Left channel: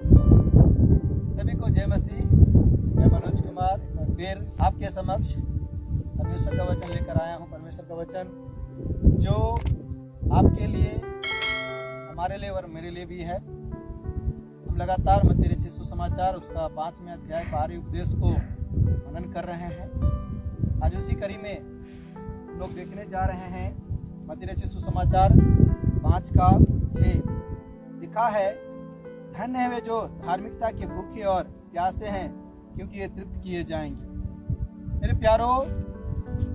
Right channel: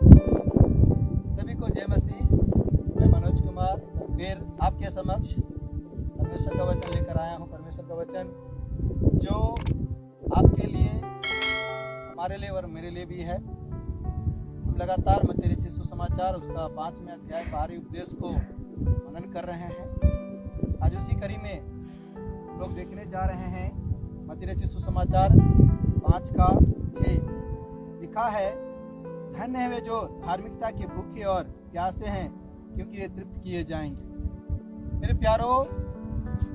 सभी को जय मसीह। मैं मनोज कुमार फिर आपके समक्ष परमेश्वर का वचन लेकर आया हूँ। परमेश्वर का वचन जो आपके लिए, हमारे लिए और मेरे लिए भी है। हम लगातार मत्ती रचित सुसमाचार उसका 5वें अध्याय बाहरी उपदेश को मनन कर रहे हैं। आज उसी कड़ी में लोग देखने जा रहे हैं मत्ती रचित सुसमाचार 5:6 लिखा है, धन्य है वे जो धार्मिकता के भूखे और प्यासे हैं, क्योंकि ये तृप्त किए जाएंगे। मेरे प्यारो,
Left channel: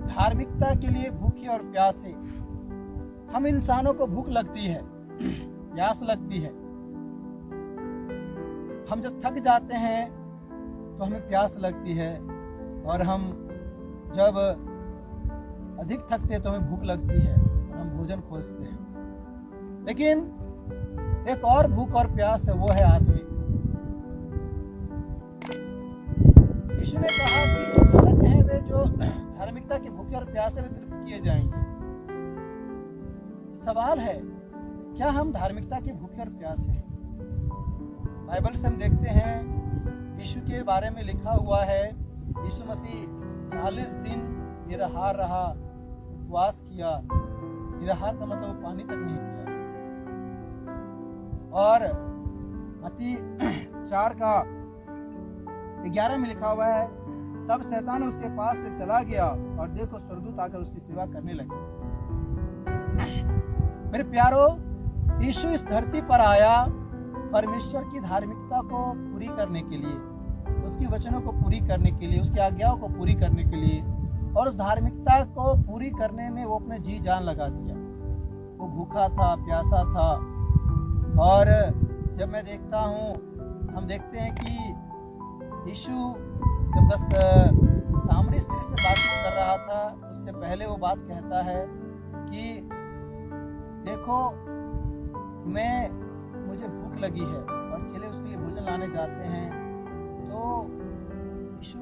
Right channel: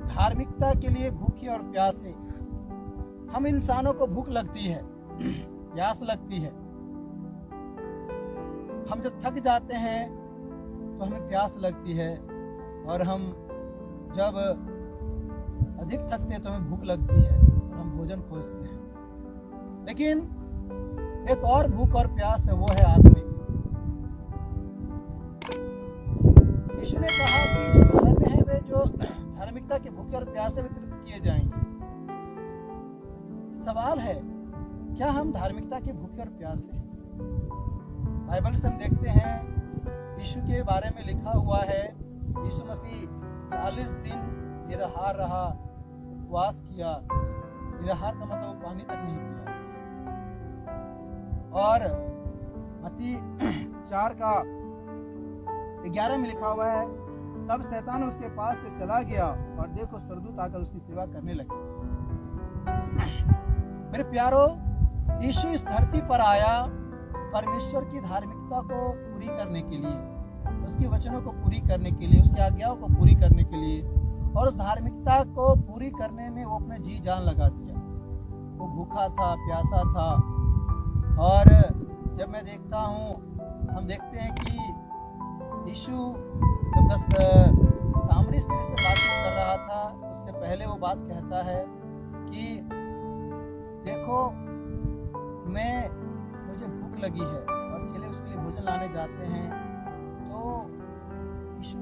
धार्मिकता के लिए भूखे और प्यासे, हम इंसानों को भूख लगती है, प्यास लगती है। हम जब थक जाते हैं तो हमें प्यास लगती है, और हम जब अधिक थकते हैं तो हमें भूख लगती है और हम भोजन खोजते हैं। लेकिन एक और भूख और प्यास है, वो है आत्मिक। यीशु ने कहा कि जो धन्य है वे जो धार्मिकता के भूखे और प्यासे वे तृप्त किए जाएंगे। सवाल है, क्या हम धार्मिकता के भूखे और प्यासे हैं? बाइबल से हम देखते हैं यीशु के बारे में लिखा हुआ है, यीशु मसीह 40 दिन निराहार रहा, उपवास किया। निराहार का मतलब पानी तक नहीं पिया। और मत्ती 4:11 में लिखा हुआ है, तब शैतान उसके पास से चला गया और देखो स्वर्गदूत आकर उसकी सेवा करने लगे। मेरे प्यारो, यीशु इस धरती पर आया परमेश्वर की धार्मिकता को पूरी करने के लिए, उसके वचनों को पूरी करने के लिए, उसकी आज्ञाओं को पूरी करने के लिए। और उस धार्मिकता को पूरी करने में वो अपने जी जान लगा दिया। वो भूखा था, प्यासा था। और जब मैं देखता हूँ, हम देखते हैं कि यीशु जब बस सामरी स्त्री से बातचीत कर रहा था, उससे पहले वो बात कहता है कि देखो, मुझे भूख लगी है, और चेले उसके लिए भोजन लाने जाते हैं। तो यीशु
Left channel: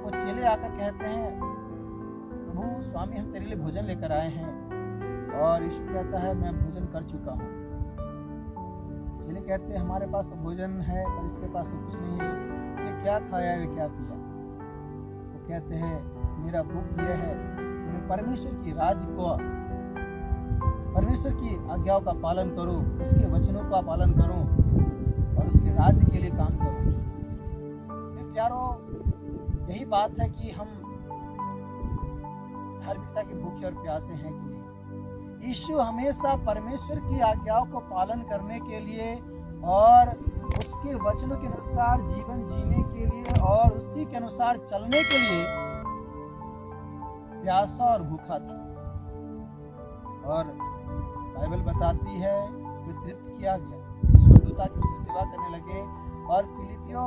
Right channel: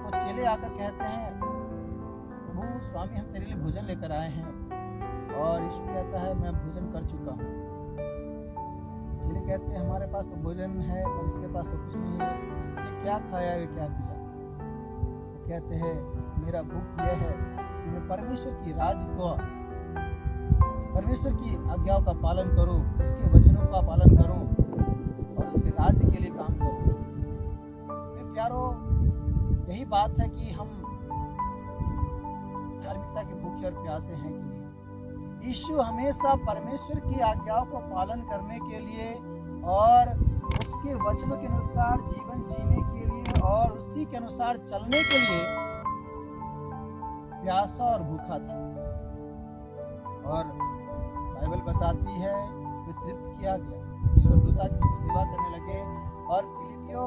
को चेले आकर कहते हैं, प्रभु स्वामी, हम तेरे लिए भोजन लेकर आए हैं। और यीशु कहता है, मैं भोजन कर चुका हूँ। चेले कहते हैं, हमारे पास तो भोजन है पर इसके पास तो कुछ नहीं है, ये क्या खाया, ये क्या पिया? वो कहते हैं, मेरा भूख यह है कि मैं परमेश्वर की राज्य को, परमेश्वर की आज्ञाओं का पालन करूं, उसके वचनों का पालन करूं और उसके राज्य के लिए काम करूं। मेरे प्यारो, यही बात है कि हम धार्मिकता के भूखे और प्यासे हैं कि नहीं। यीशु हमेशा परमेश्वर की आज्ञाओं को पालन करने के लिए और उसके वचनों के अनुसार जीवन जीने के लिए और उसी के अनुसार चलने के लिए प्यासा और भूखा था। और बाइबल बताती है कि तृप्त किया गया, स्वर्गदूता की सेवा करने लगे। और फिलिपियों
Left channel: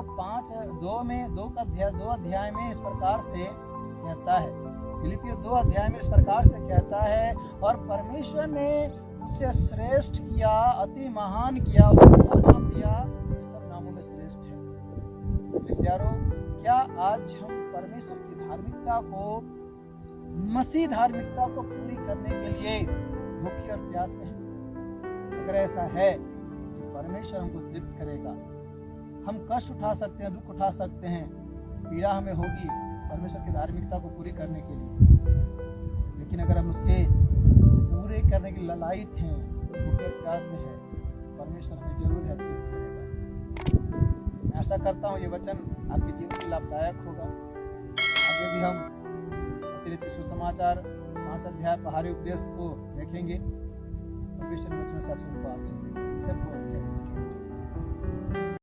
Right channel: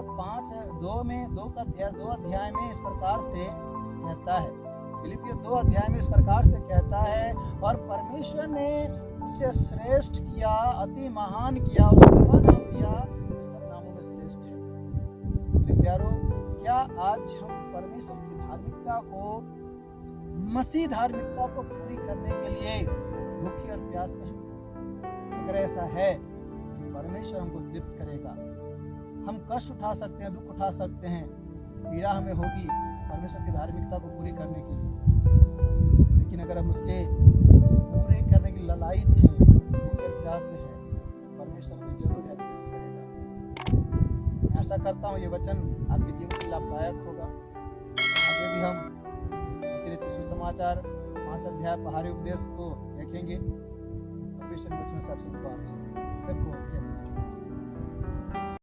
2 अध्याय में इस प्रकार से कहता है, फिलिपियों 2 अध्याय में इस प्रकार से कहता है, और परमेश्वर ने उसे श्रेष्ठ किया, अति महान किया, उसका नाम दिया जो सब नामों में श्रेष्ठ है। मेरे प्यारो, क्या आज हम परमेश्वर की धार्मिकता को, मसीह धार्मिकता को पूरी करने के लिए भूखे और प्यासे हैं? अगर ऐसा है तो परमेश्वर हमको तृप्त करेगा। हम कष्ट उठा सकते हैं, दुख उठा सकते हैं, पीड़ा हमें होगी परमेश्वर की धार्मिकता को पूरी करने के लिए। लेकिन अगर हम उसके पूरे करने की ललायत हैं, भूखे प्यासे हैं, परमेश्वर हमें जरूर है तृप्त करेगा। मैं आशा करता हूँ ये वचन आपके जीवन में लाभदायक होगा। आगे भी हम मत्ती रचित सुसमाचार 5 अध्याय बाहरी उपदेश को देखेंगे। परमेश्वर वचन से आप सबको आशीष दें। सबको जय मसीह।